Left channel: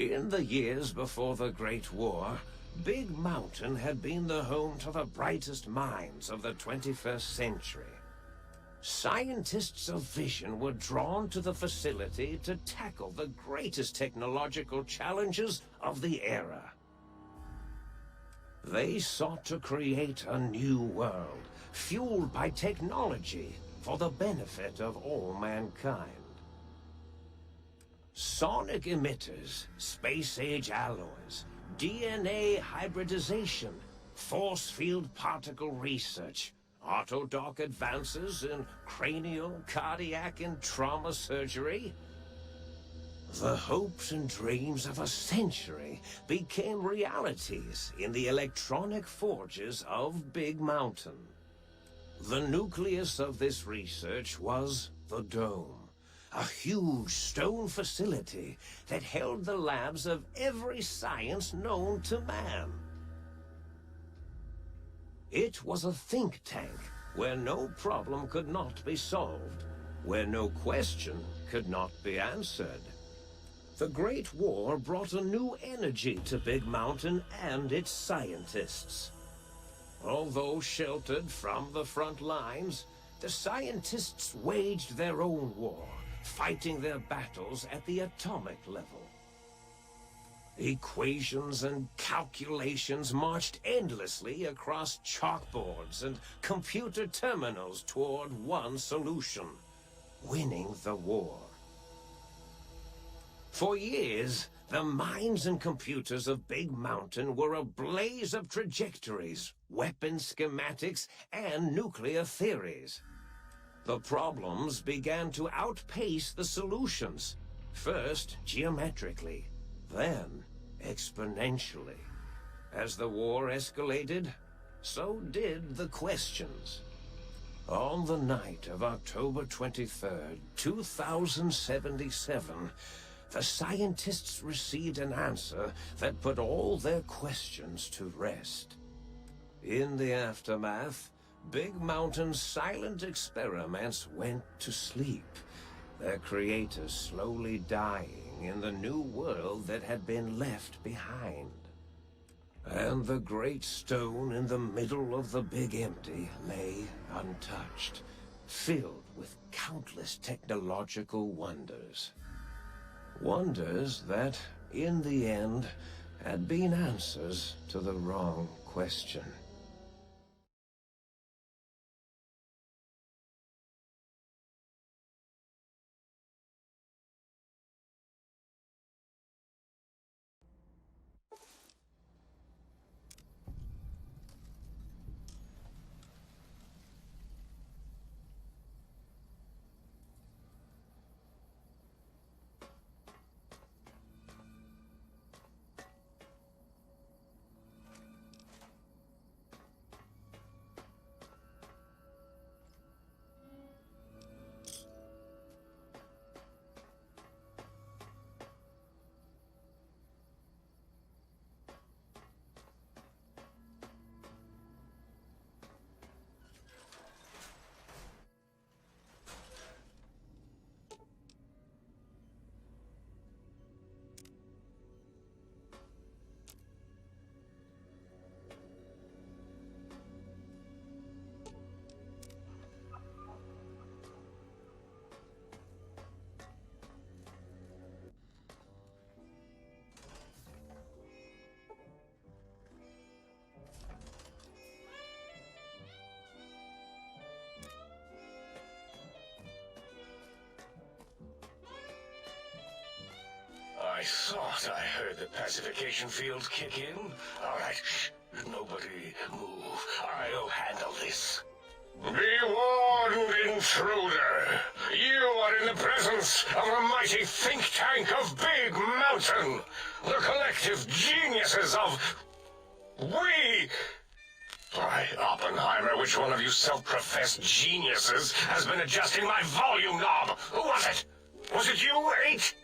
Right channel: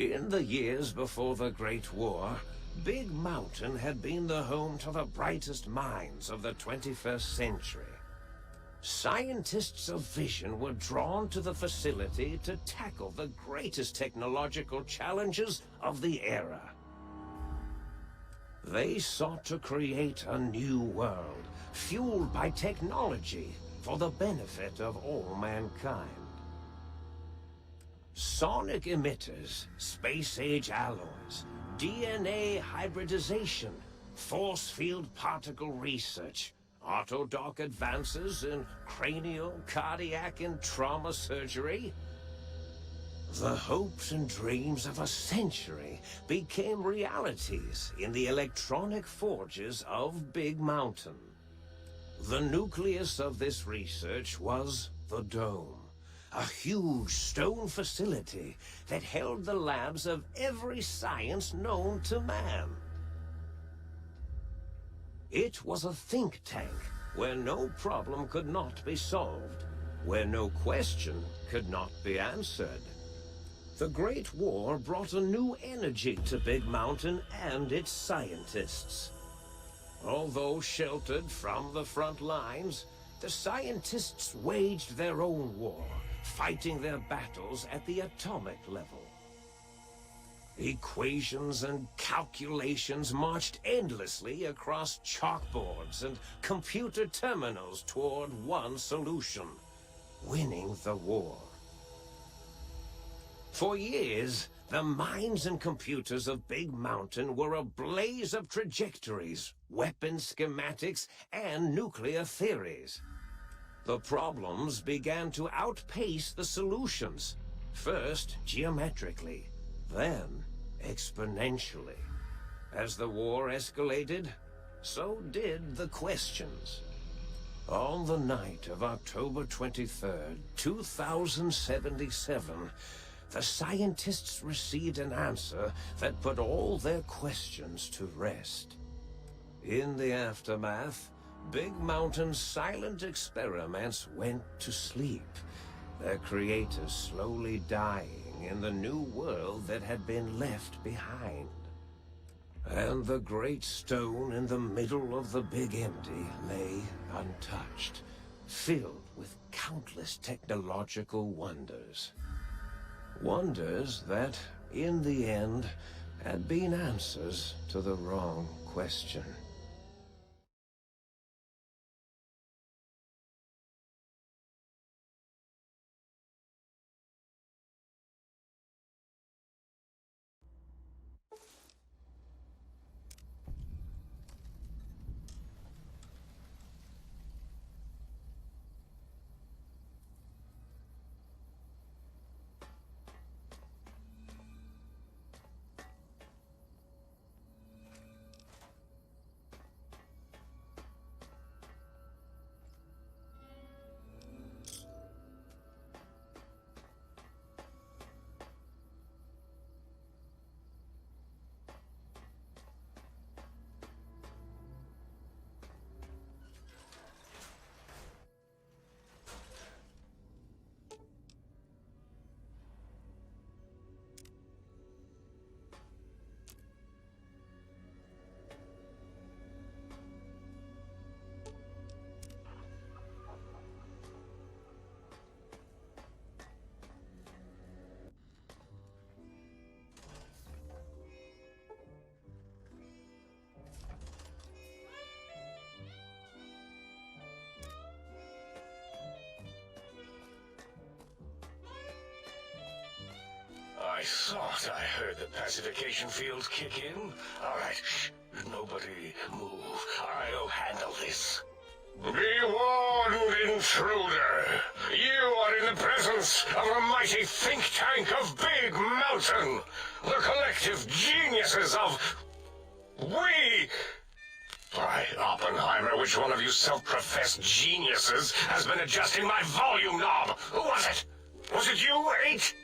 In the years before the Great War, Big Mountain had been the home to the brightest minds of the 21st century. Scientists of vision were drawn to the facility to tackle the greatest technological challenges of the era. They sought to create a new world, fueled by technology for the benefit of all mankind. Sonic emitters, space-age alloys, DNA hybridization, force field particle research, autodoc advances in cranial, cardiac, and trauma surgery. The hopes and dreams of a century became realities in the electronic forges of Big Mountain. The nucleus of this research was the Dome, a huge stone facility that held the labs of every science known to man. It was a think tank where no problem could not be solved, where no question could not be answered. The Great War brought a new energy to Big Mountain and its scientists. Although sheltered from the front lines, the scientists waged their own war, fighting their battles at the atomic level. Equations and calculations marched endlessly across chalkboards and computer terminals toward one solution: winning the war. For years, the minds and computers of Big Mountain were a blaze of trajectories, weapon schematics, and nuclear theories. The problems began to outpace the solutions, first geometrically, then exponentially. As the war escalated, so did the questions. On the night of October 23rd, 2077, the scientists received an answer that put all their questions to rest. In the aftermath, Big Mountain's silent experiments went to sleep, their creators slowly dying in the new world that had been left behind. And the great stone in the middle of the Big Empty lay untouched, filled with countless technological wonders. Wonders that, in the end, had been answers to the wrong question. I thought I heard the pacification field kick in. All right, shh. Nobody move. I'll handle this. Be warned, intruder. You are in the presence of a mighty think tank of Big Mountain. The collective geniuses of... We... By Oppenheimer, which one of you self-professed geniuses has been adjusting my volume knob? Who was it? Was it you, H?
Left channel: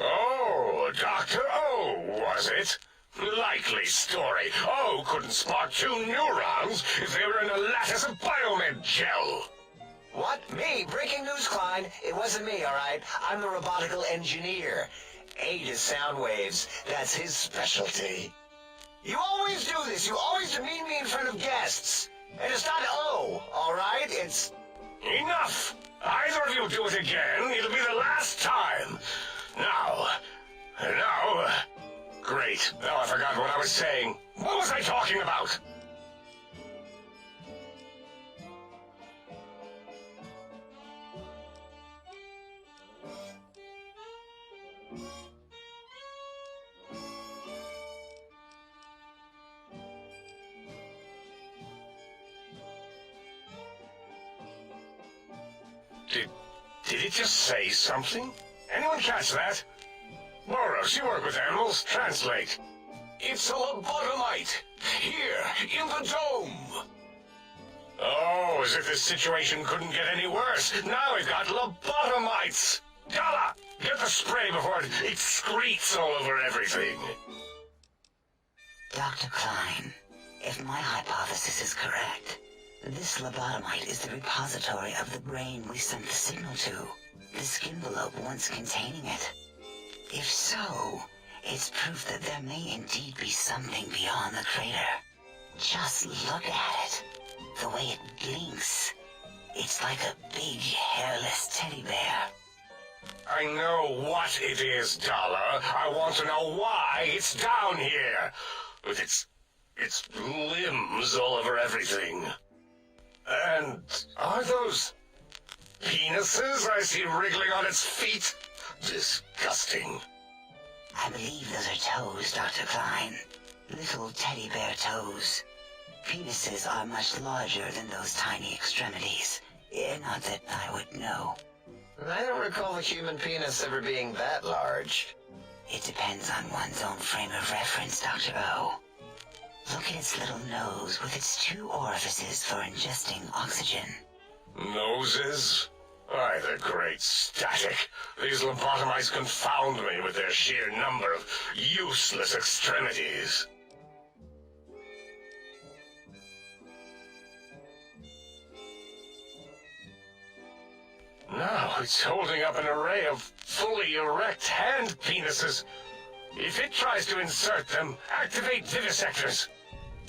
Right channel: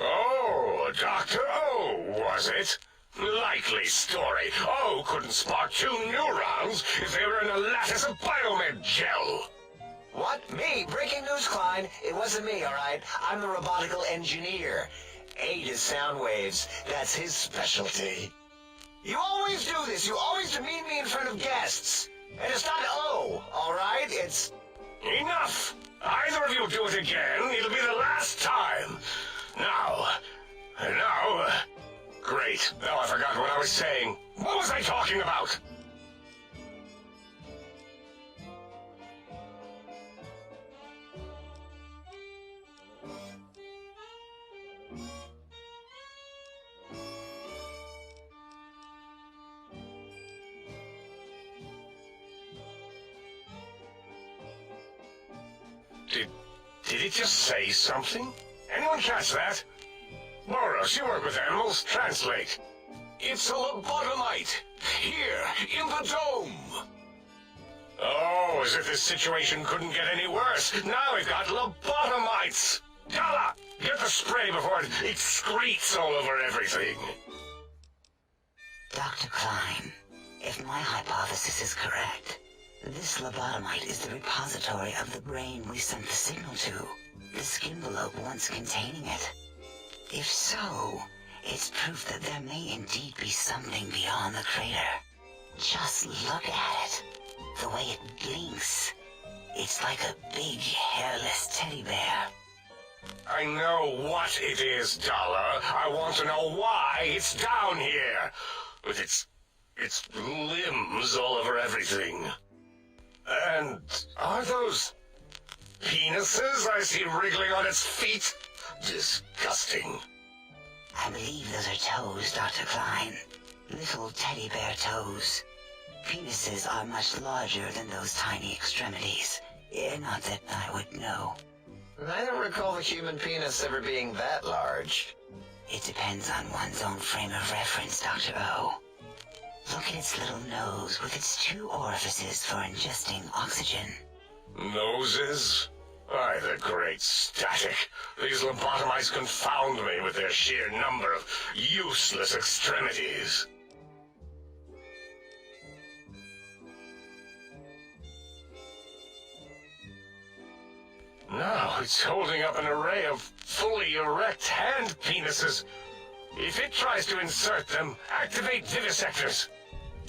Oh, Dr. O, was it? Likely story. O couldn't spark 2 neurons if they were in a lattice of biomed gel. What? Me? Breaking news, Clyde. Klein, it wasn't me, all right? I'm the robotical engineer. Aid is sound waves. That's his specialty. You always do this. You always demean me in front of guests. And it's not O, all right? It's... Enough! Either of you do it again, it'll be the last time. Now... Great. Now I forgot what I was saying. What was I talking about? Did it just say something? Anyone catch that? Boros, you work with animals. Translate. It's a lobotomite. Here, in the dome. Oh, as if this situation couldn't get any worse. Now we've got lobotomites. Gala, get the spray before it excretes all over everything. Dr. Klein, if my hypothesis is correct, this lobotomite is the repository of the brain we sent the signal to, the skinvelope once containing it. If so, it's proof that there may indeed be something beyond the crater. Just look at it. The way it blinks. It's like a big, hairless teddy bear. I know what it is, Dollar. I want to know why it's down here. With its limbs all over everything. And are those penises I see wriggling on its feet? Disgusting. I believe those are toes, Dr. Klein. Little teddy bear toes. Penises are much larger than those tiny extremities. Not that I would know. I don't recall the human penis ever being that large. It depends on one's own frame of reference, Dr. O. Look at its little nose with its 2 orifices for ingesting oxygen. Noses? Why, the great static. These lobotomites confound me with their sheer number of useless extremities. Now it's holding up an array of fully erect hand penises. If it tries to insert them, activate vivisectors.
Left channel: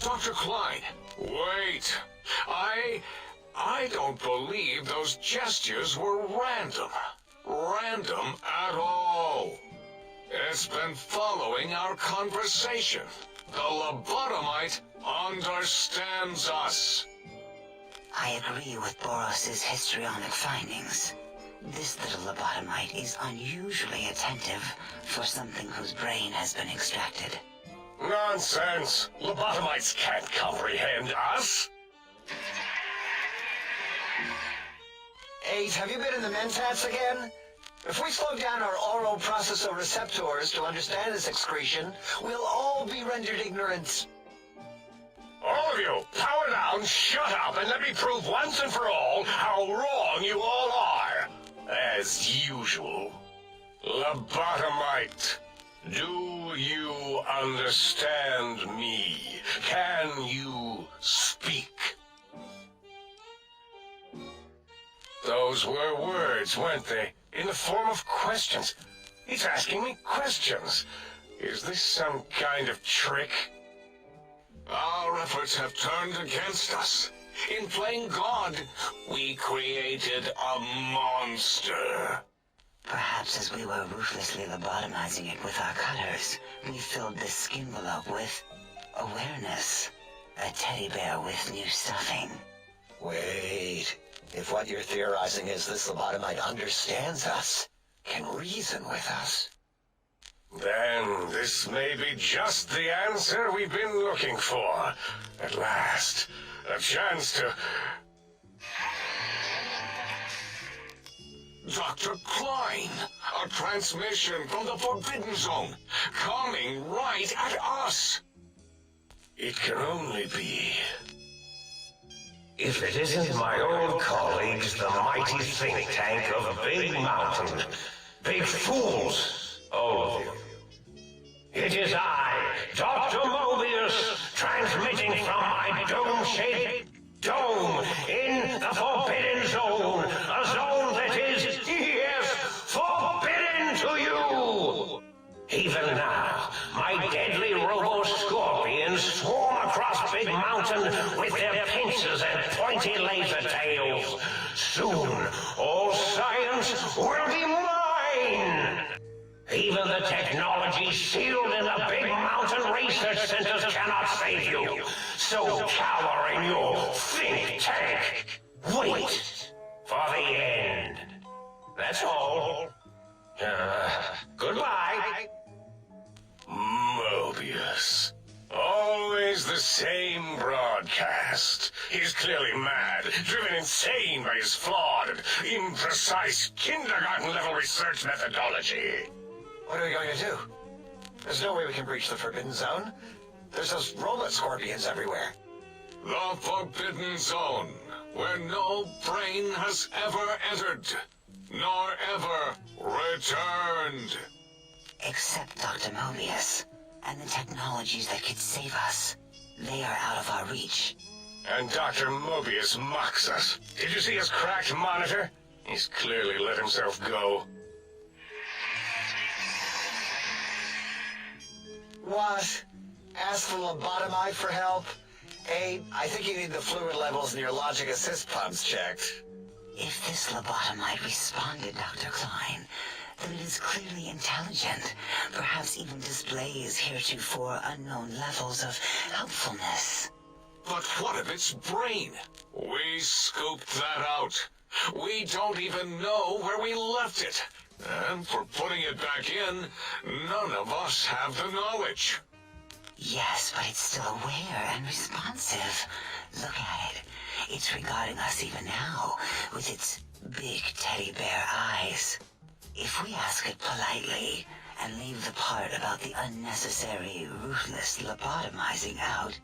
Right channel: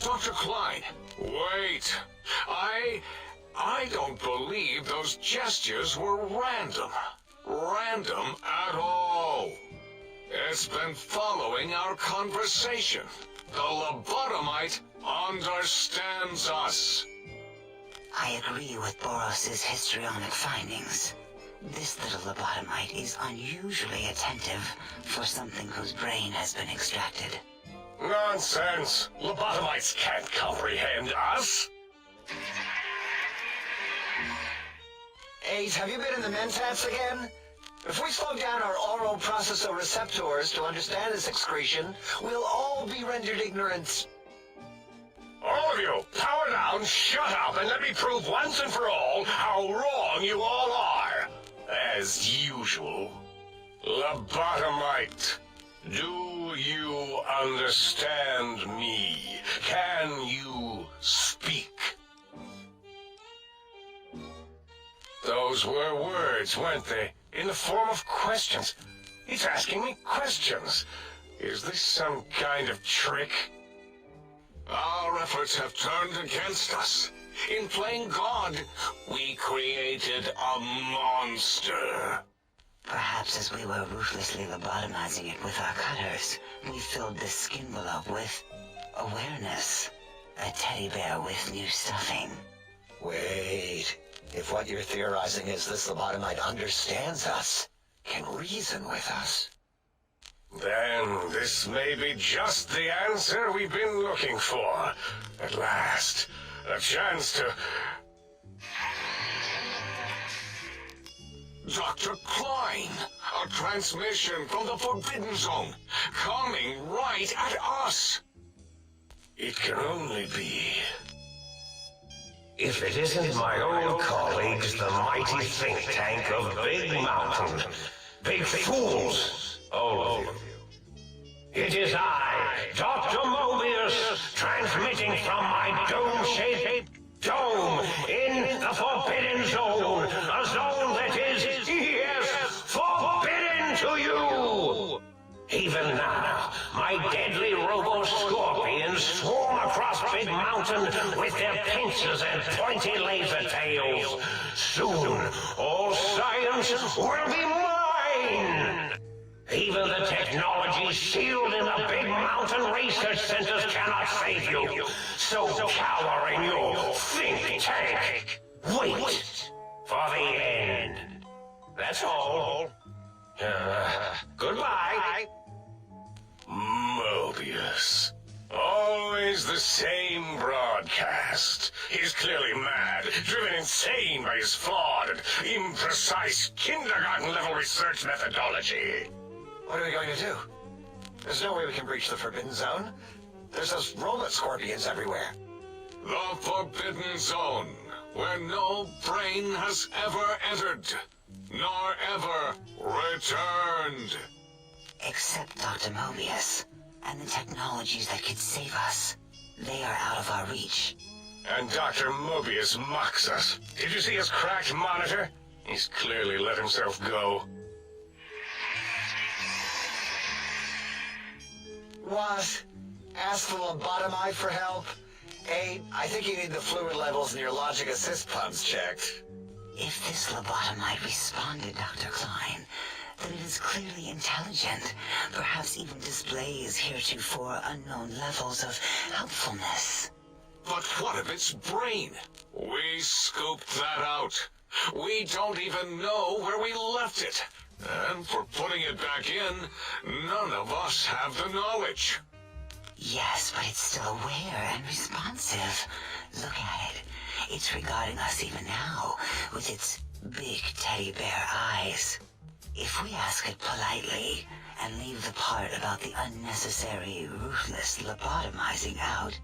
Dr. Klein, wait. I don't believe those gestures were random. Random at all. It's been following our conversation. The lobotomite understands us. I agree with Boros' histrionic findings. This little lobotomite is unusually attentive for something whose brain has been extracted. Nonsense! Lobotomites can't comprehend us! 8, have you been in the mentats again? If we slow down our oral processoreceptors to understand this excretion, we'll all be rendered ignorant. All of you, power down, shut up, and let me prove once and for all how wrong you all are. As usual. Lobotomite, do you understand me? Can you speak? Those were words, weren't they? In the form of questions. He's asking me questions. Is this some kind of trick? Our efforts have turned against us. In playing God, we created a monster. Perhaps as we were ruthlessly lobotomizing it with our cutters, we filled the skinvelope with awareness. A teddy bear with new stuffing. Wait. If what you're theorizing is this lobotomite understands us, can reason with us. Then this may be just the answer we've been looking for. At last, a chance to... Dr. Klein, a transmission from the Forbidden Zone, coming right at us. It can only be... If it isn't my old colleagues, the mighty think tank of Big Mountain. Big fools, all of you. It is I, Dr. Mobius, transmitting from my dome-shaped dome in the Forbidden Zone, a zone that is pointy laser tails. Soon, all science will be mine. Even the technology sealed in the big mountain research centers cannot save you. So cower in your think tank. Wait for the end. That's all. Goodbye. Mobius. Always the same broadcast. He's clearly mad, driven insane by his flawed and imprecise kindergarten-level research methodology. What are we going to do? There's no way we can breach the Forbidden Zone. There's those robot scorpions everywhere. The Forbidden Zone, where no brain has ever entered, nor ever returned. Except Dr. Mobius, and the technologies that could save us. They are out of our reach. And Dr. Mobius mocks us. Did you see his cracked monitor? He's clearly let himself go. What? Ask the lobotomite for help? Hey, I think you need the fluid levels in your logic assist pumps checked. If this lobotomite responded, Dr. Klein, then it is clearly intelligent, perhaps even displays heretofore unknown levels of helpfulness. But what of its brain? We scoped that out. We don't even know where we left it. And for putting it back in, none of us have the knowledge. Yes, but it's still aware and responsive. Look at it. It's regarding us even now, with its big teddy bear eyes. If we ask it politely, and leave the part about the unnecessary, ruthless lobotomizing out,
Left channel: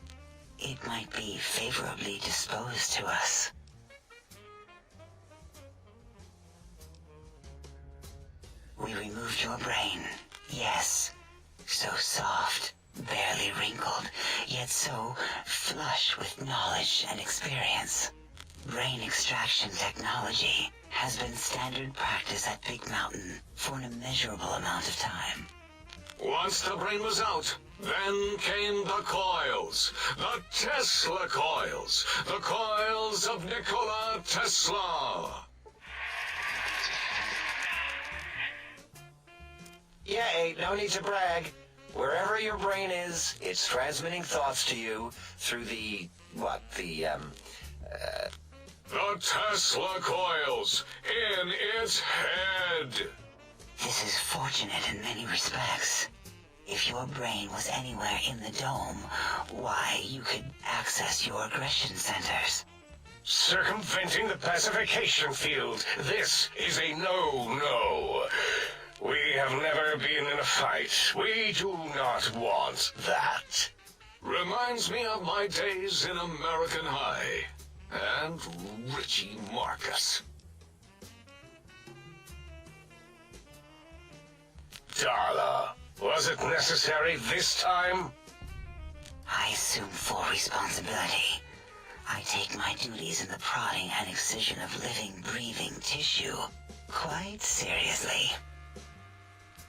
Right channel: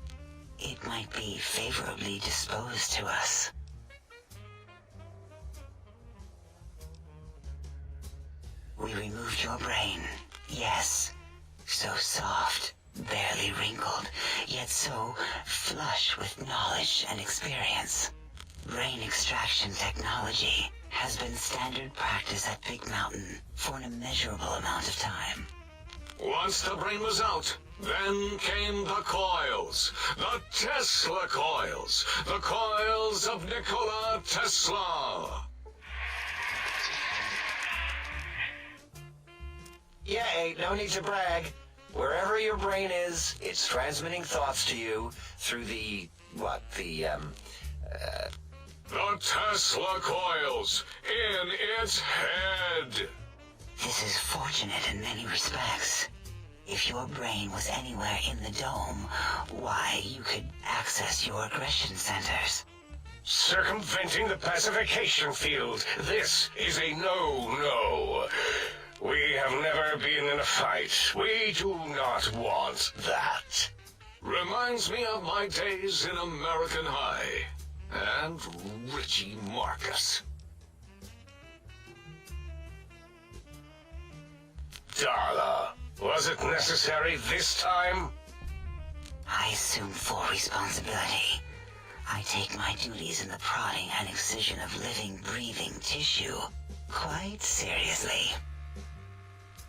it might be favorably disposed to us. We removed your brain, yes. So soft, barely wrinkled, yet so flush with knowledge and experience. Brain extraction technology has been standard practice at Big Mountain for an immeasurable amount of time. Once the brain was out, then came the coils. The Tesla coils. The coils of Nikola Tesla. Yeah, ain't no need to brag. Wherever your brain is, it's transmitting thoughts to you through the Tesla coils in its head. This is fortunate in many respects. If your brain was anywhere in the dome, why, you could access your aggression centers. Circumventing the pacification field. This is a no-no. We have never been in a fight. We do not want that. Reminds me of my days in American High. And Richie Marcus. Darla, was it necessary this time? I assume full responsibility. I take my duties in the prodding and excision of living, breathing tissue quite seriously.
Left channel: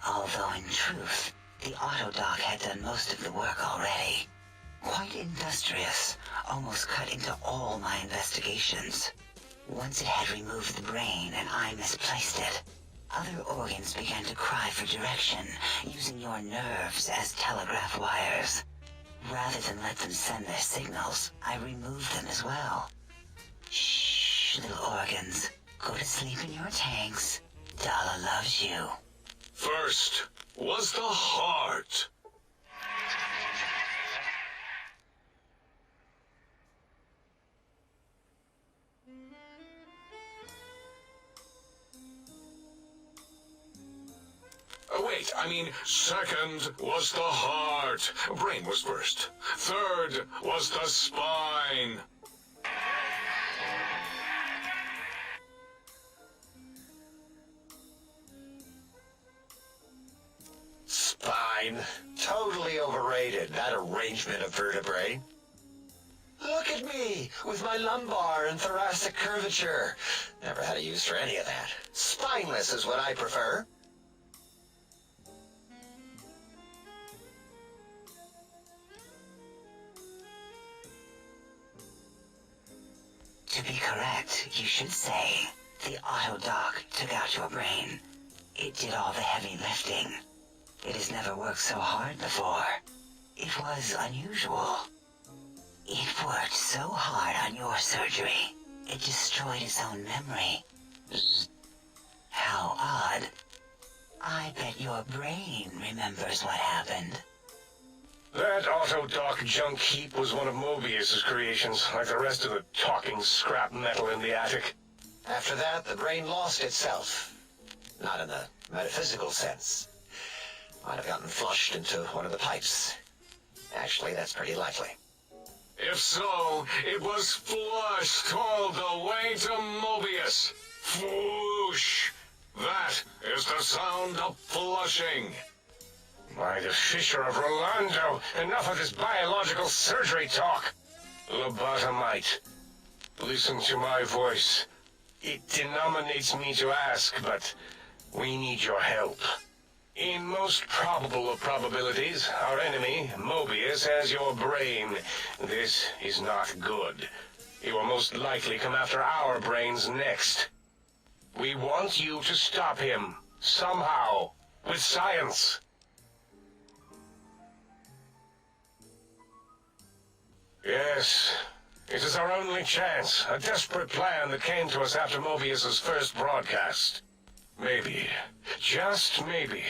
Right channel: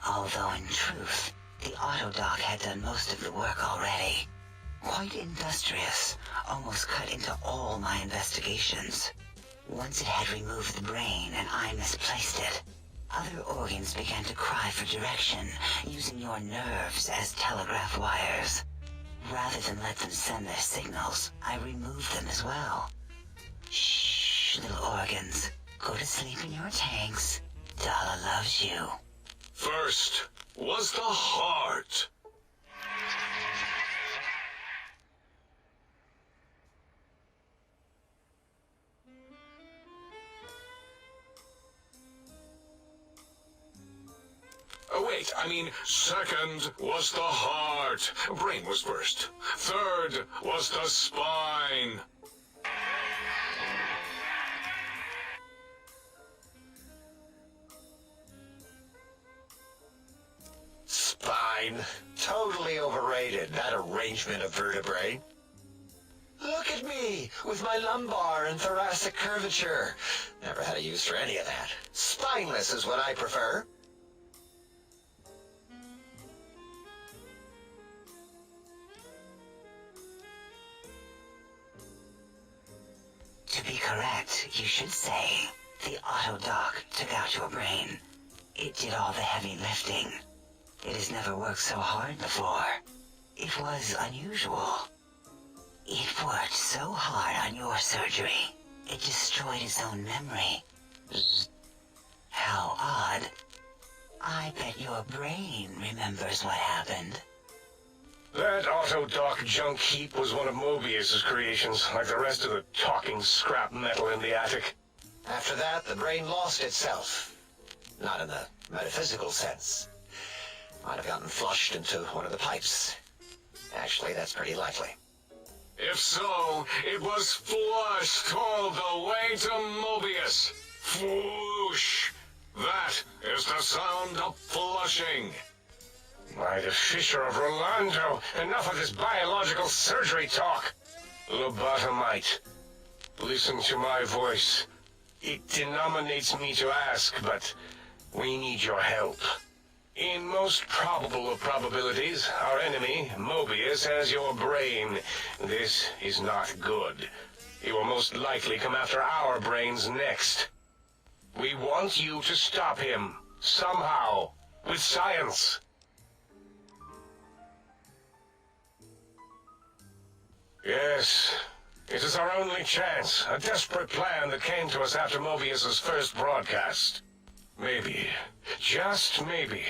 Although in truth, the autodoc had done most of the work already. Quite industrious, almost cut into all my investigations. Once it had removed the brain and I misplaced it, other organs began to cry for direction, using your nerves as telegraph wires. Rather than let them send their signals, I removed them as well. Shh, little organs. Go to sleep in your tanks. Dala loves you. First was the heart. Wait, I mean, second was the heart. Brain was first. Third was the spine. spine. Totally overrated, that arrangement of vertebrae. Look at me, with my lumbar and thoracic curvature. Never had a use for any of that. Spineless is what I prefer. To like you should say. The auto-dock took out your brain. It did all the heavy lifting. It has never worked so hard before. It was unusual. It worked so hard on your surgery, it destroyed its own memory. How odd. I bet your brain remembers what happened. That auto-dock junk heap was one of Mobius's creations, like the rest of the talking scrap metal in the attic. After that, the brain lost itself. Not in the metaphysical sense. Might have gotten flushed into one of the pipes. Actually, that's pretty likely. If so, it was flushed all the way to Mobius. Flush! That is the sound of flushing. By the Fisher of Rolando, enough of this biological surgery talk. Lobotomite, listen to my voice. It denominates me to ask, but we need your help. In most probable of probabilities, our enemy, Mobius, has your brain. This is not good. He will most likely come after our brains next. We want you to stop him, somehow, with science. Yes, it is our only chance, a desperate plan that came to us after Mobius's first broadcast. Maybe, just maybe,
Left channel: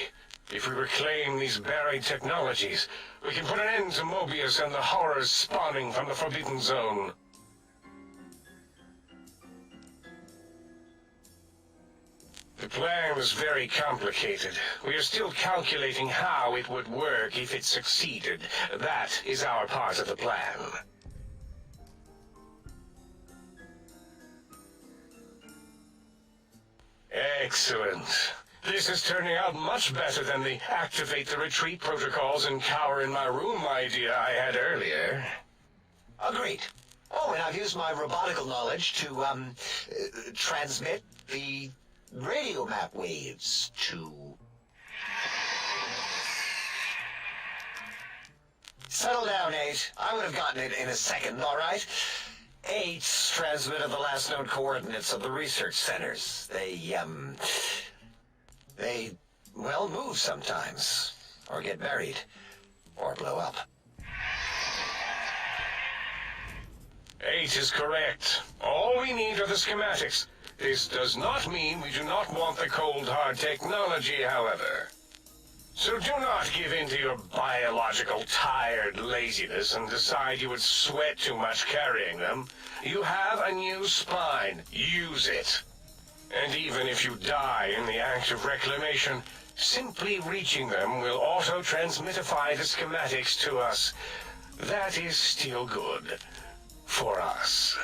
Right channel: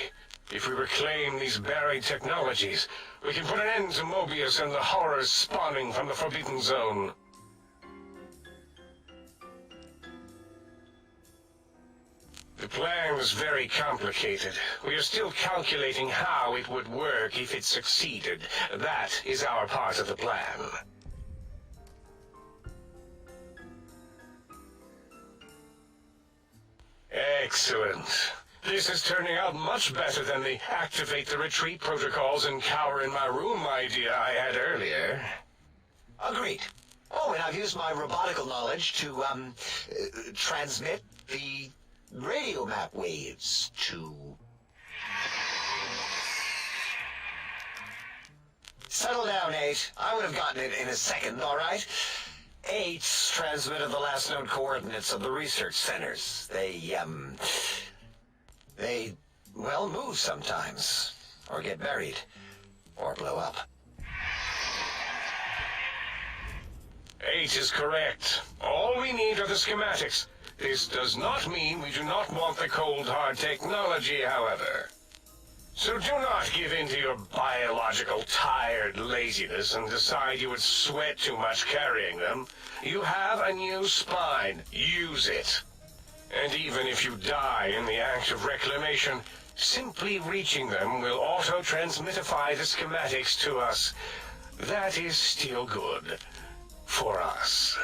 if we reclaim these buried technologies, we can put an end to Mobius and the horrors spawning from the Forbidden Zone. The plan is very complicated. We are still calculating how it would work if it succeeded. That is our part of the plan. Excellent. This is turning out much better than the activate the retreat protocols and cower in my room idea I had earlier. Agreed. Oh, and I've used my robotical knowledge to, transmit the radio map waves to... Settle down, 8. I would have gotten it in a second, all right? 8's transmitted the last known coordinates of the research centers. They, well, move sometimes, or get buried, or blow up. 8 is correct. All we need are the schematics. This does not mean we do not want the cold, hard technology, however. So do not give in to your biological tired laziness and decide you would sweat too much carrying them. You have a new spine. Use it. And even if you die in the act of reclamation, simply reaching them will auto-transmitify the schematics to us. That is still good. For us.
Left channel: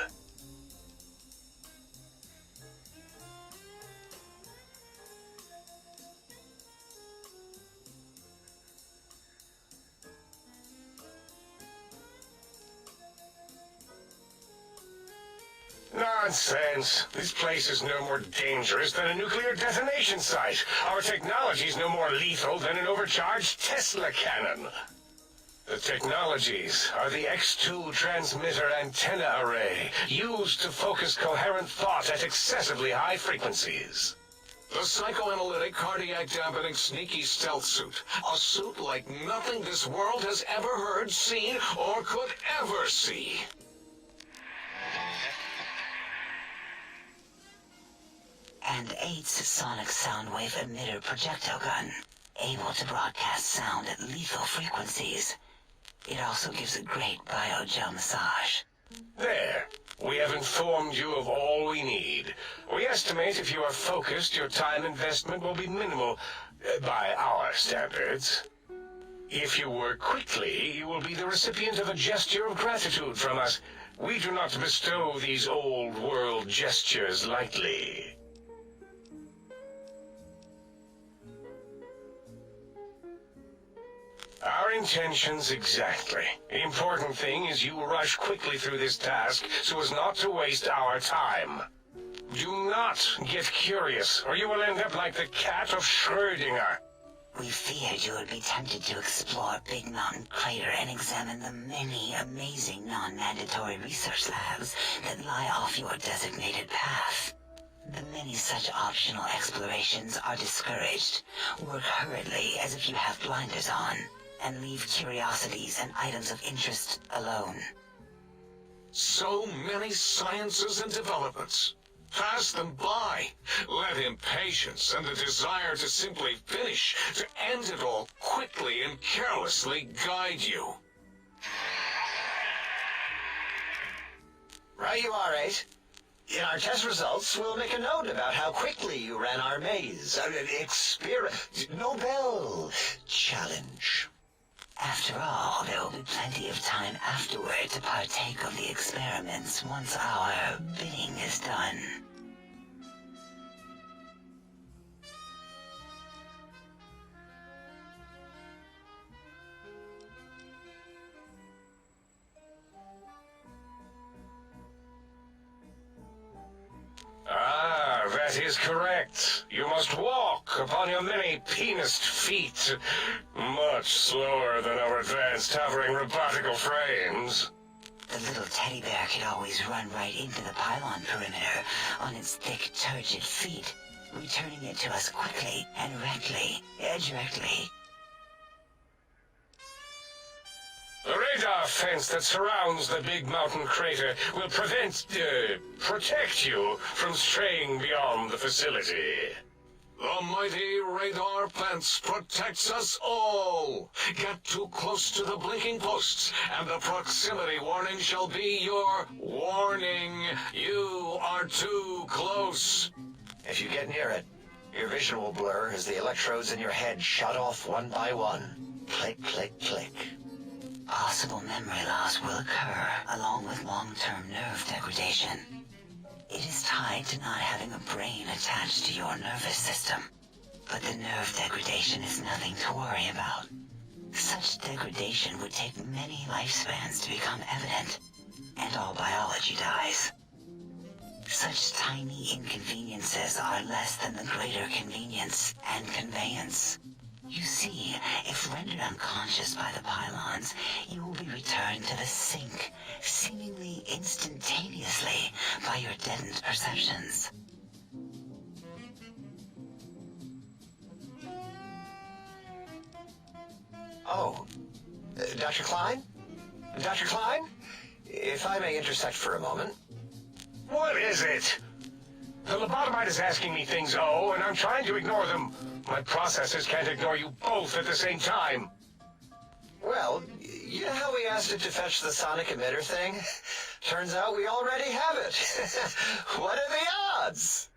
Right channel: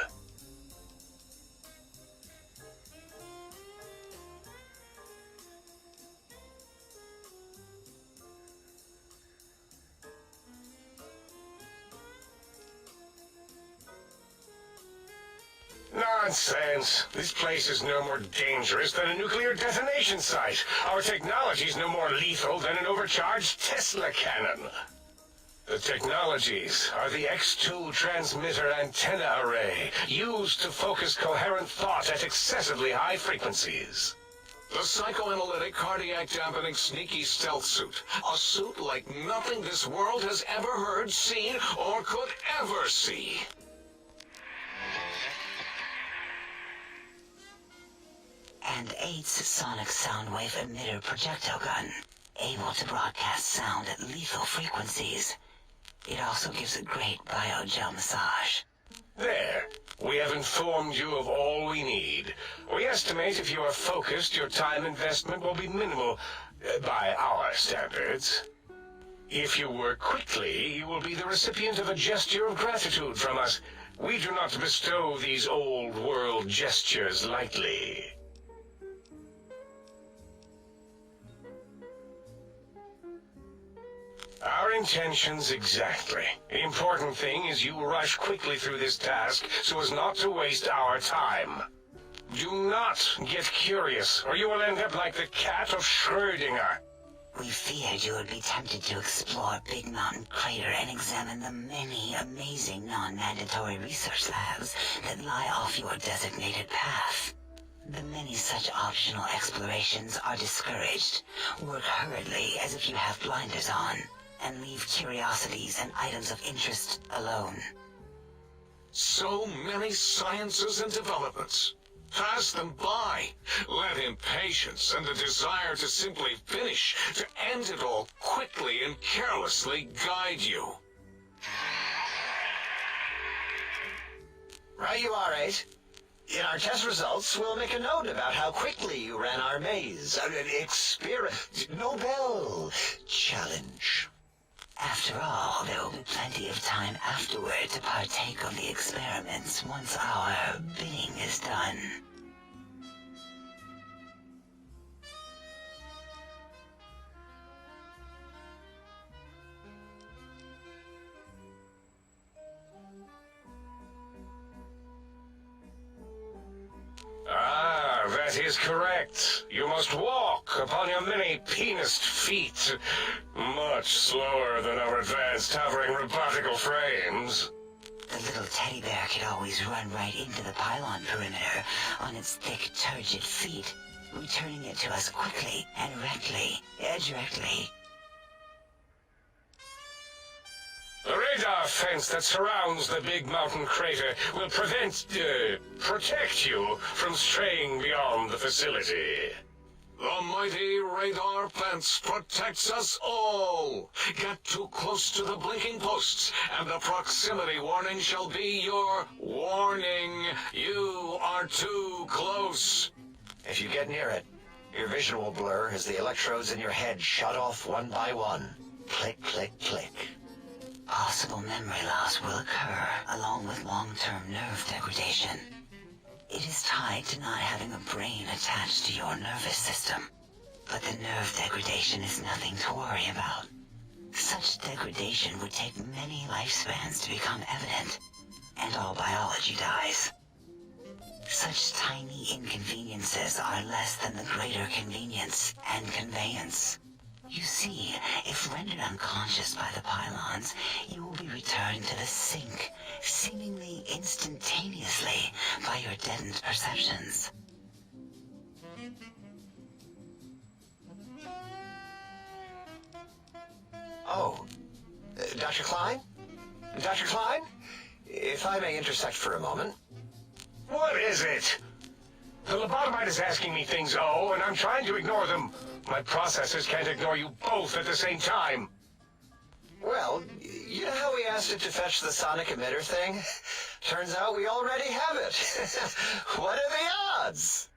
Nonsense. This place is no more dangerous than a nuclear detonation site. Our technology is no more lethal than an overcharged Tesla cannon. The technologies are the X2 transmitter antenna array, used to focus coherent thought at excessively high frequencies. The psychoanalytic, cardiac dampening, sneaky stealth suit. A suit like nothing this world has ever heard, seen, or could ever see. And 8's sonic soundwave emitter projectile gun, able to broadcast sound at lethal frequencies. It also gives a great biogel massage. There. We have informed you of all we need. We estimate if you are focused, your time investment will be minimal, by our standards. If you work quickly, you will be the recipient of a gesture of gratitude from us. We do not bestow these old-world gestures lightly. Our intentions exactly. The important thing is you rush quickly through this task so as not to waste our time. Do not get curious, or you will end up like the cat of Schrödinger. We feared you would be tempted to explore Big Mountain Crater and examine the many amazing non-mandatory research labs that lie off your designated path. The many such optional explorations are discouraged. Work hurriedly as if you have blinders on, and leave curiosities and items of interest alone. So many sciences and developments. Pass them by. Let impatience and the desire to simply finish, to end it all quickly and carelessly guide you. Right you are, 8. In our test results, we'll make a note about how quickly you ran our maze. Nobel challenge. After all, there will be plenty of time afterward to partake of the experiments once our bidding is done. Ah, that is correct. You must walk upon your many penised feet, much slower than our advanced hovering robotical frames. The little teddy bear could always run right into the pylon perimeter on its thick, turgid feet, returning it to us quickly and directly. The radar fence that surrounds the Big Mountain Crater will protect you from straying beyond the facility. The mighty radar fence protects us all. Get too close to the blinking posts, and the proximity warning shall be your warning. You are too close. If you get near it, your vision will blur as the electrodes in your head shut off one by one. Click, click, click. Possible memory loss will occur, along with long-term nerve degradation. It is tied to not having a brain attached to your nervous system. But the nerve degradation is nothing to worry about. Such degradation would take many lifespans to become evident, and all biology dies. Such tiny inconveniences are less than the greater convenience and conveyance. You see, if rendered unconscious by the pylons, you will be returned to the sink, seemingly instantaneously by your deadened perceptions. Oh, Dr. Klein? Dr. Klein? If I may intersect for a moment. What is it? The lobotomite is asking me things, and I'm trying to ignore them. My processors can't ignore you both at the same time. Well, you know how we asked it to fetch the sonic emitter thing? Turns out we already have it. What are the odds?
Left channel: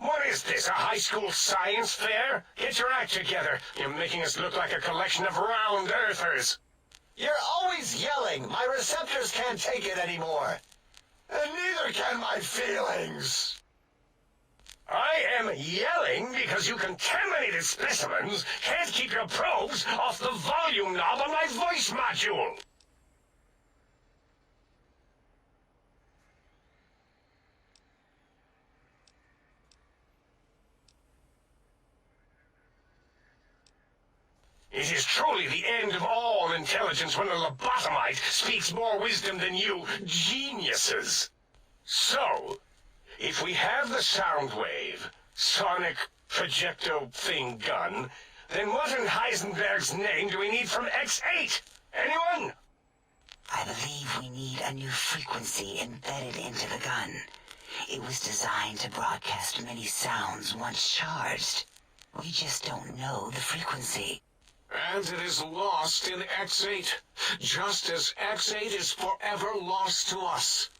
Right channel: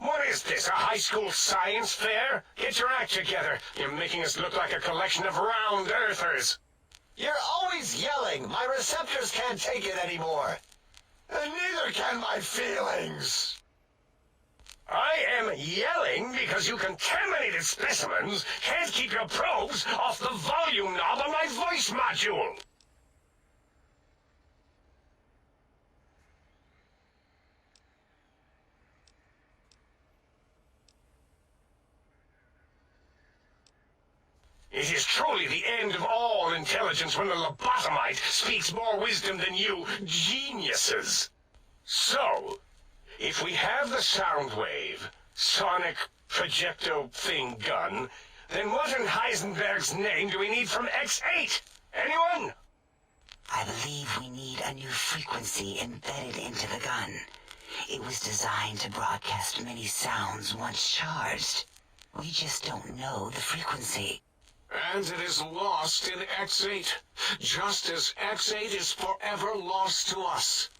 What is this, a high school science fair? Get your act together. You're making us look like a collection of round earthers. You're always yelling. My receptors can't take it anymore. And neither can my feelings. I am yelling because you contaminated specimens can't keep your probes off the volume knob on my voice module. It is truly the end of all intelligence when the lobotomite speaks more wisdom than you geniuses. So, if we have the sound wave, sonic projecto thing gun, then what in Heisenberg's name do we need from X8? Anyone? I believe we need a new frequency embedded into the gun. It was designed to broadcast many sounds once charged. We just don't know the frequency. And it is lost in X8, just as X8 is forever lost to us.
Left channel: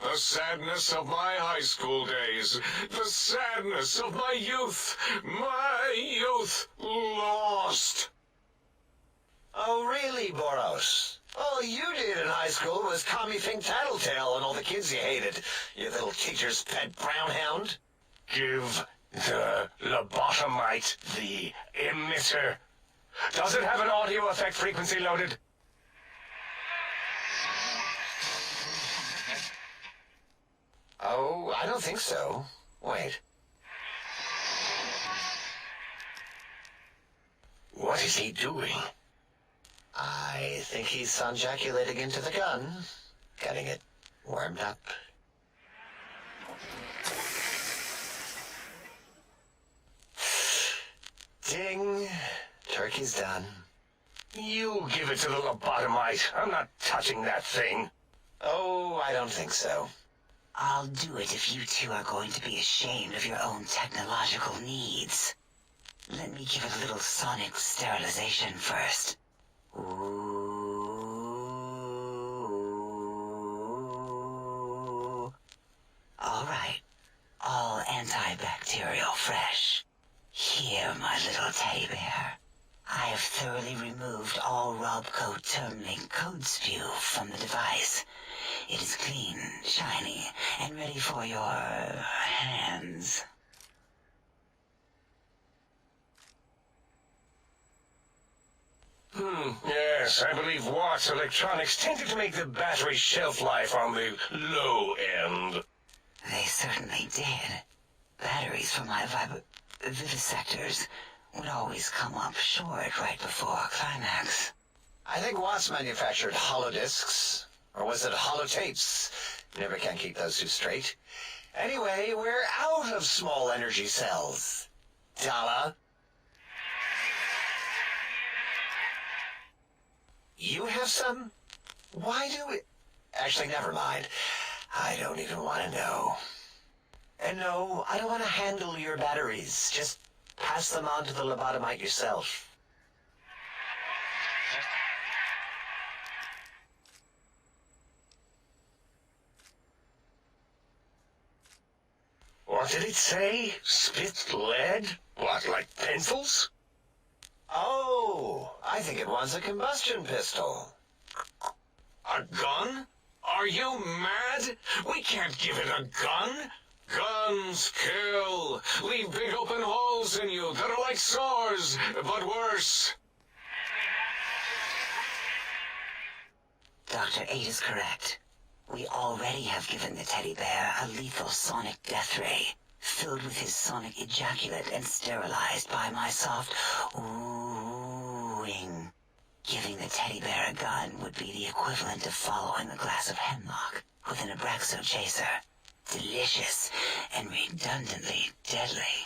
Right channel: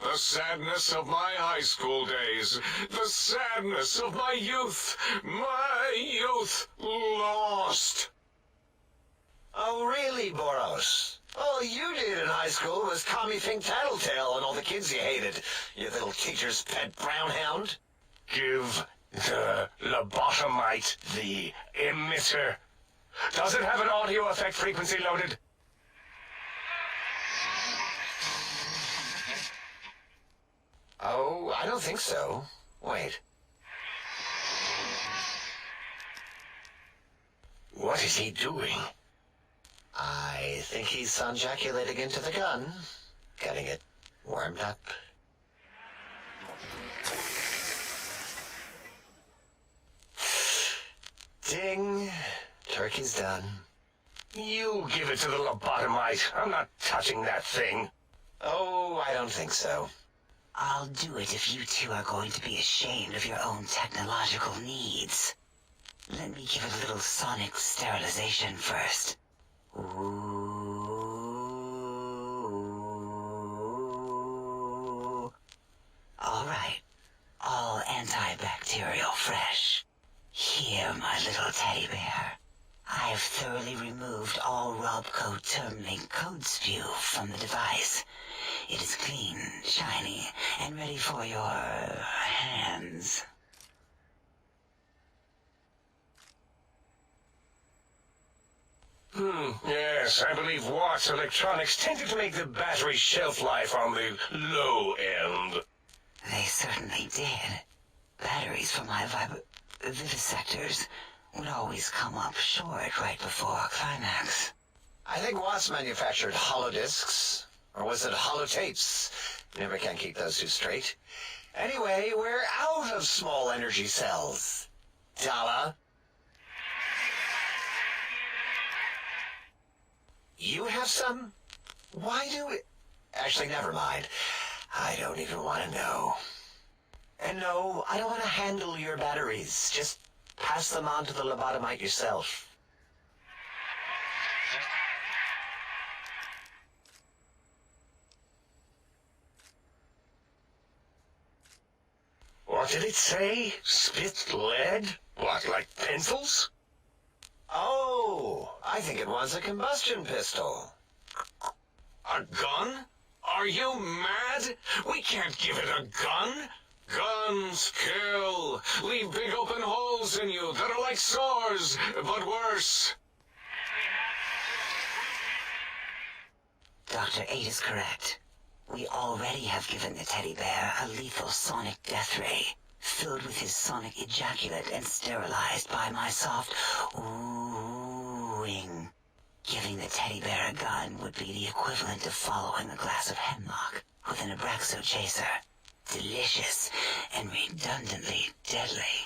The sadness of my high school days, the sadness of my youth lost. Oh, really, Boros? All you did in high school was call me Fink Tattletale and all the kids you hated, you little teacher's pet brown hound. Give the lobotomite the emitter. Does it have an audio effect frequency loaded? Oh, I don't think so. Wait. What is he doing? I think he's sonjaculating into the gun, getting it warmed up. Ding. Turkey's done. You give it to the lobotomite. I'm not touching that thing. Oh, I don't think so. I'll do it if you two are going to be ashamed of your own technological needs. Let me give it a little sonic sterilization first. Ooh. All right. All antibacterial fresh. Here, my little teddy bear. I've thoroughly removed all Robco termlink code spew from the device. It is clean, shiny, and ready for your hands. Yes, I believe Watts Electronics tended to make the battery shelf life on the low end. They certainly did. Batteries for my vivisectors would always come up short right before climax. I think Watts manufactured holodiscs. Or was it holotapes? Never can keep those two straight. Anyway, we're out of small energy cells. Dala? You have some? Why do we... Actually, never mind. I don't even want to know. And no, I don't want to handle your batteries. Just pass them on to the lobotomite yourself. What did it say? Spit lead? What, like pencils? Oh, I think it wants a combustion pistol. A gun? Are you mad? We can't give it a gun. Guns kill. Leave big open holes in you that are like sores, but worse. Dr. 8 is correct. We already have given the teddy bear a lethal sonic death ray, filled with his sonic ejaculate and sterilized by my soft oohing. Giving the teddy bear a gun would be the equivalent of following a glass of hemlock with an Abraxo chaser. Delicious and redundantly deadly.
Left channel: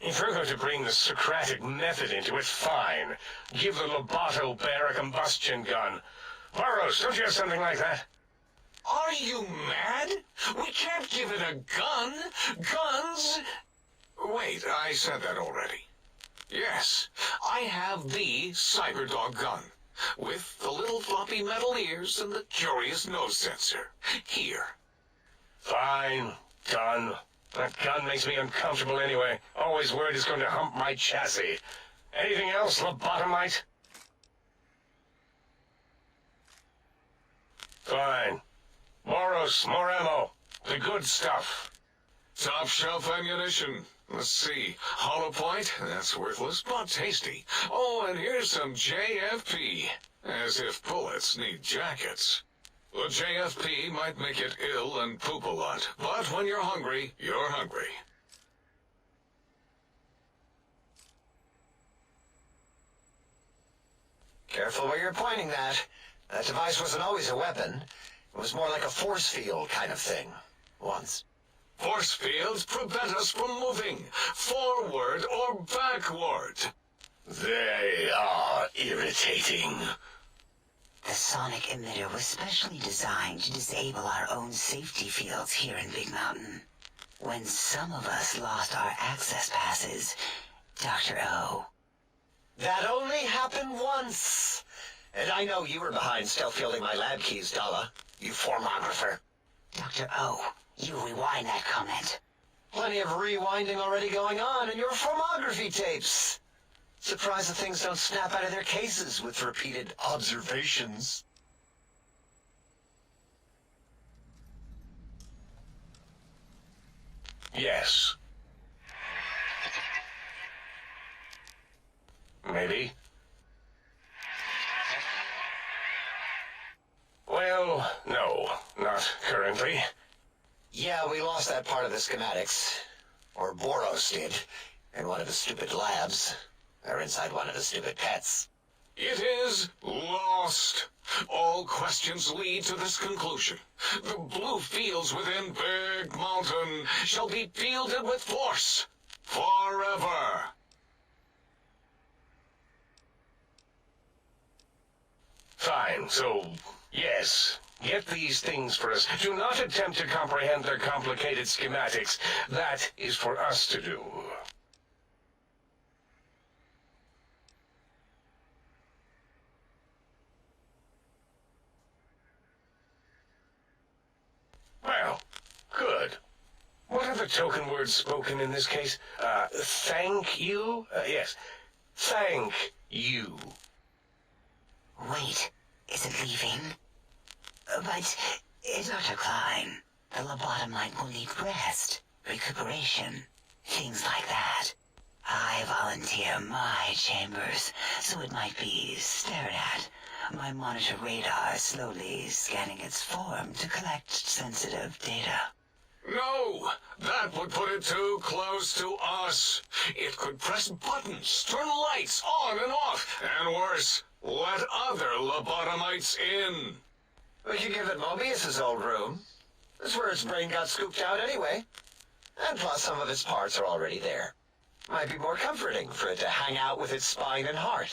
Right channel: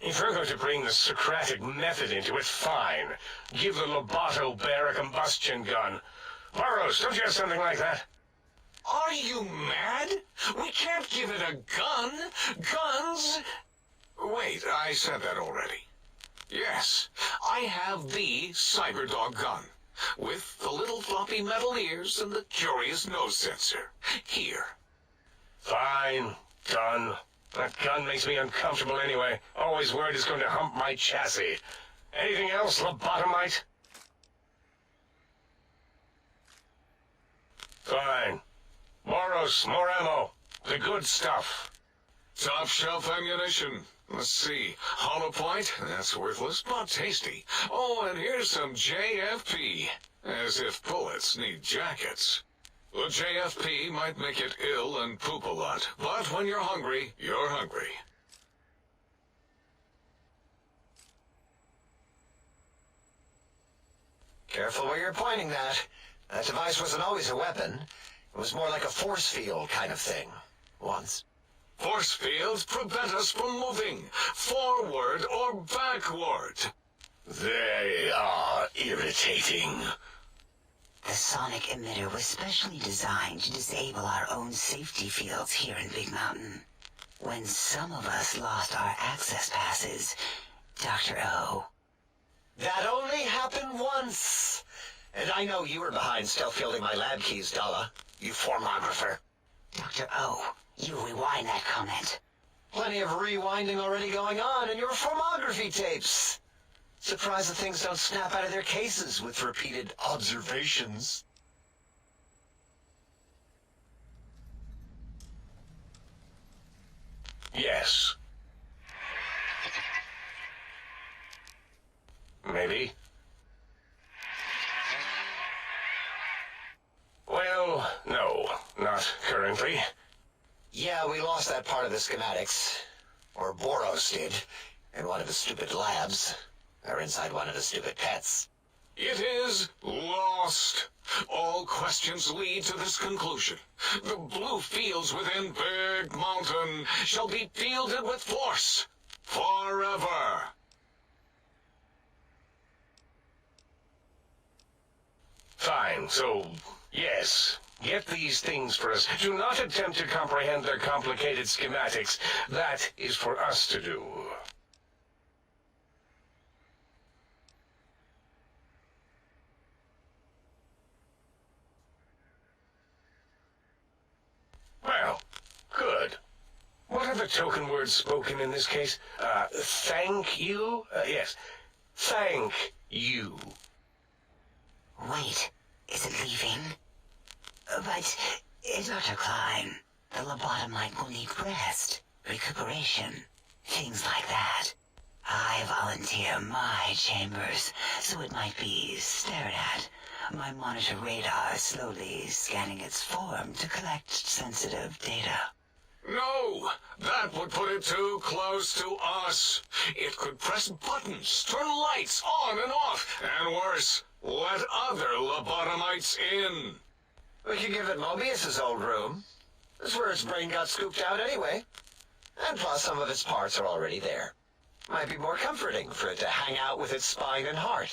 If you're going to bring the Socratic method into it, fine. Give the Loboto bear a combustion gun. Burroughs, don't you have something like that? Are you mad? We can't give it a gun. Guns... Wait, I said that already. Yes, I have the Cyberdog gun, with the little floppy metal ears and the curious nose sensor. Here. Fine. Done. That gun makes me uncomfortable anyway. Always worried it's going to hump my chassis. Anything else, lobotomite? Fine. Moros, more ammo. The good stuff. Top shelf ammunition. Let's see. Hollow point? That's worthless, but tasty. Oh, and here's some JFP. As if bullets need jackets. The JFP might make it ill and poop a lot, but when you're hungry, you're hungry. Careful where you're pointing that. That device wasn't always a weapon. It was more like a force field kind of thing. Once. Force fields prevent us from moving, forward or backward. They are irritating. The sonic emitter was specially designed to disable our own safety fields here in Big Mountain. When some of us lost our access passes, Dr. O. That only happened once. And I know you were behind stealth fielding my lab keys, Dala. You formographer. Dr. O, you rewind that comment. Plenty of rewinding already going on in your formography tapes. Surprised the things don't snap out of their cases with repeated observations. Yes. Maybe. Well, no, not currently. Yeah, we lost that part of the schematics. Or Boros did, in one of his stupid labs. Or inside one of the stupid pets. It is lost. All questions lead to this conclusion. The blue fields within Big Mountain shall be fielded with force forever. Fine, so, yes. Get these things for us. Do not attempt to comprehend their complicated schematics. That is for us to do. Well, good. What are the token words spoken in this case? Thank you? Yes. Thank you. Wait, is it leaving? But, Dr. Klein, the lobotomite will need rest, recuperation, things like that. I volunteer my chambers, so it might be stared at. My monitor radar slowly scanning its form to collect sensitive data. No, that would put it too close to us. It could press buttons, turn lights on and off, and worse, let other lobotomites in. We could give it Mobius's old room. That's where its brain got scooped out anyway. And plus some of its parts are already there. Might be more comforting for it to hang out with its spine and heart.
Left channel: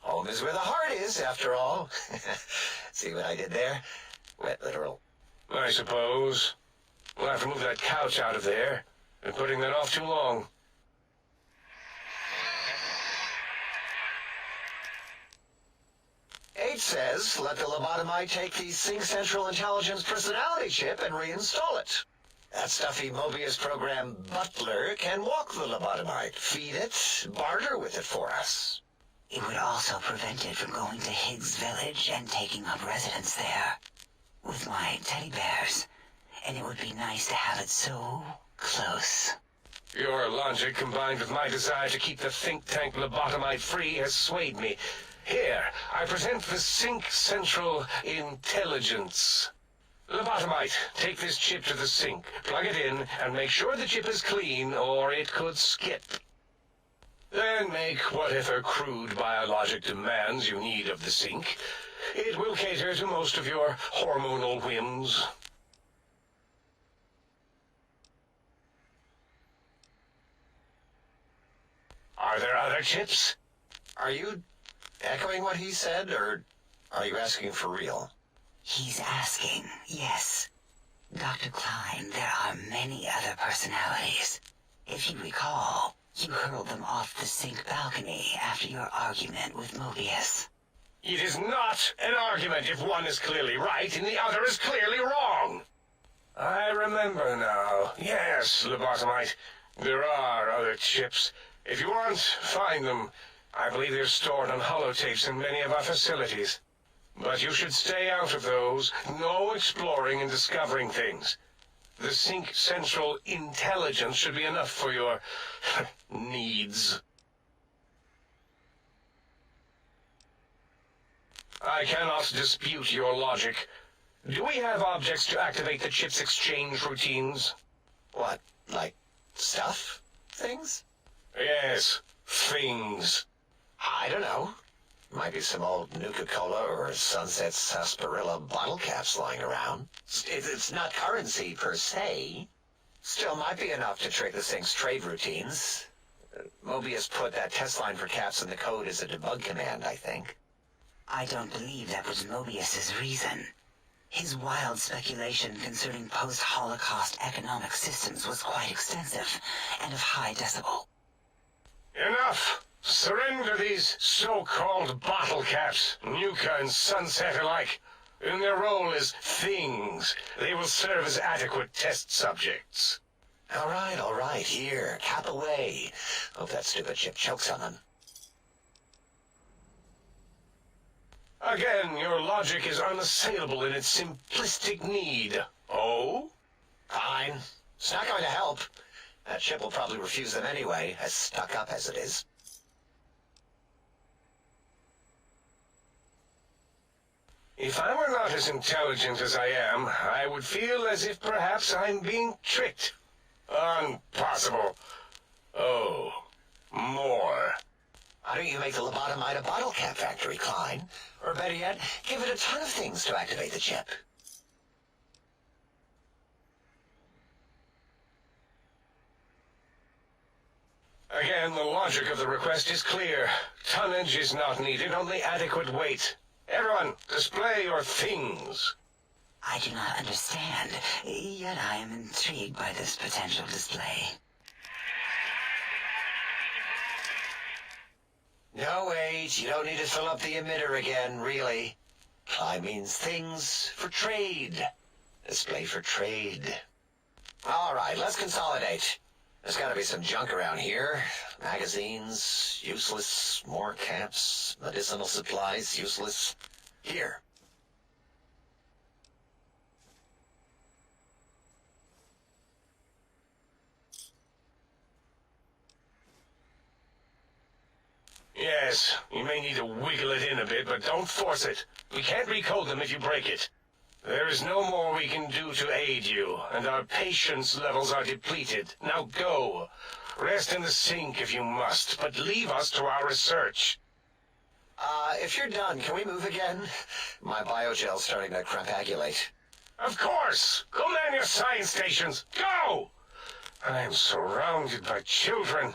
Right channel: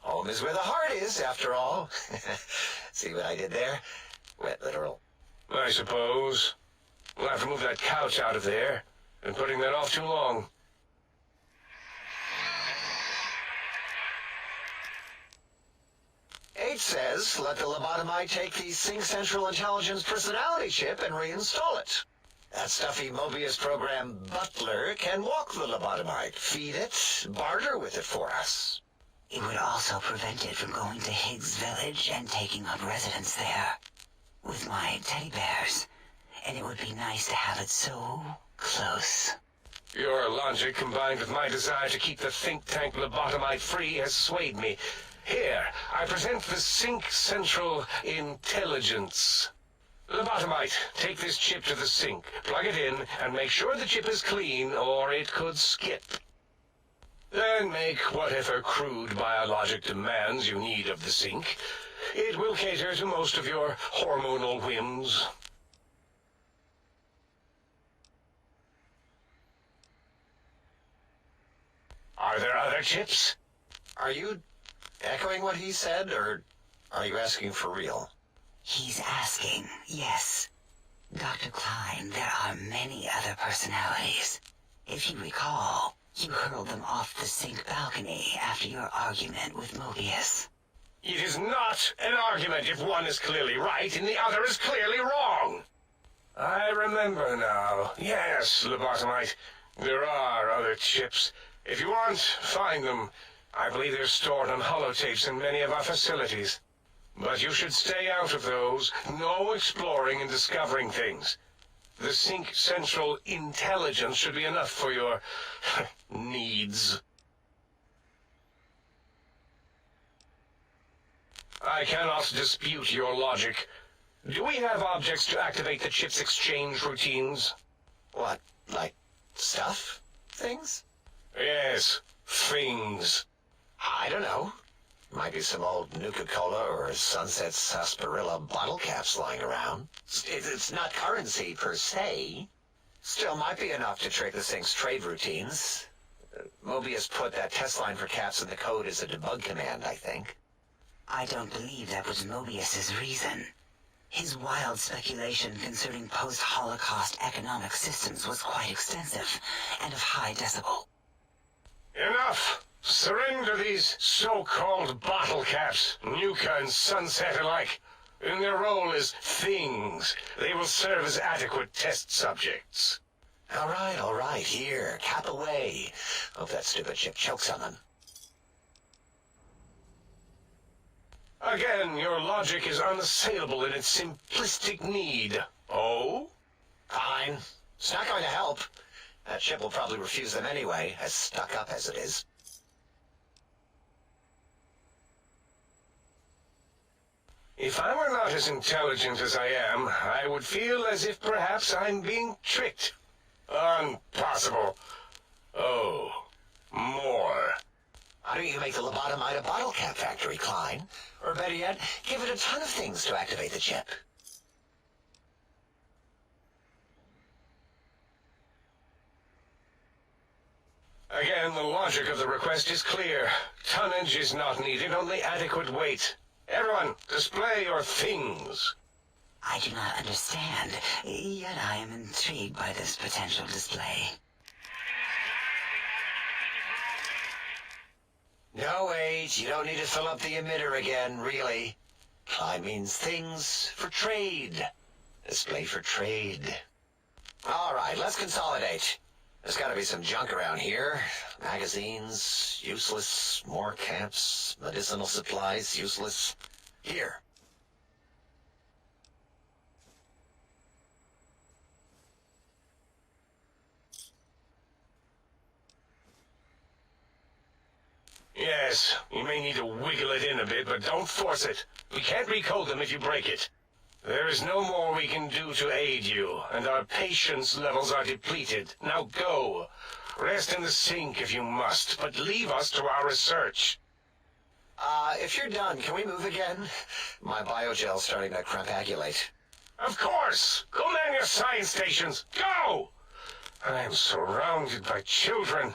Home is where the heart is, after all. See what I did there? Wet literal. I suppose. We'll have to move that couch out of there. Been putting that off too long. H says, let the lobotomite take the Sync Central Intelligence personality chip and reinstall it. That stuffy Mobius program Butler can walk the lobotomite, feed it, barter with it for us. It would also prevent it from going to Higgs Village and taking up residence there. With my teddy bears. And it would be nice to have it so close. Your logic, combined with my desire to keep the think tank lobotomite free, has swayed me. Here, I present the Sync Central Intelligence. Lobotomite, take this chip to the sink, plug it in, and make sure the chip is clean, or it could skip. Then make whatever crude biologic demands you need of the sink. It will cater to most of your hormonal whims. Are there other chips? Are you echoing what he said, or are you asking for real? He's asking, yes. Dr. Klein, there are many other personalities. If you recall, you hurled them off the sink balcony after your argument with Mobius. It is not an argument if one is clearly right and the other is clearly wrong. I remember now. Yes, lobotomite. There are other chips. If you want, find them. I believe they're stored on holotapes in many of our facilities. But you should stay out of those. No exploring and discovering things. The Sync Central Intelligence should be enough for your needs. I cannot dispute your logic. Do we have objects to activate the chip's exchange routines? What, like stuff? Things? Yes, things. I don't know. Might be some old Nuka-Cola or Sunset Sarsaparilla bottle caps lying around. It's not currency per se. Still might be enough to trick the thing's trade routines. Mobius put that test line for caps in the code as a debug command, I think. I don't believe that was Mobius's reason. His wild speculation concerning post-Holocaust economic systems was quite extensive and of high decibel. Enough! Surrender these so-called bottle caps, Nuka and Sunset alike. In their role as things, they will serve as adequate test subjects. All right, here, cap away. Hope that stupid chip chokes on them. Again, your logic is unassailable in its simplistic need. Oh? Fine. It's not going to help. That chip will probably refuse them anyway, as stuck up as it is. If I were not as intelligent as I am, I would feel as if perhaps I'm being tricked. Impossible. Oh, more. Why don't you make the lobotomite a bottle cap factory, Klein? Or better yet, give it a ton of things to activate the chip. Again, the logic of the request is clear. Tonnage is not needed, only adequate weight. Everyone, display your things. I do not understand, yet I am intrigued by this potential display. No, wait, you don't need to fill up the emitter again, really. I means things for trade. Display for trade. All right, let's consolidate. There's got to be some junk around here. Magazines, useless. More caps, medicinal supplies, useless. Here. Yes, you may need to wiggle it in a bit, but don't force it. We can't recode them if you break it. There is no more we can do to aid you, and our patience levels are depleted. Now go. Rest in the sink if you must, but leave us to our research. If you're done, can we move again? My biogel's starting to crampagulate. Of course! Go man your science stations! Go! I am surrounded by children.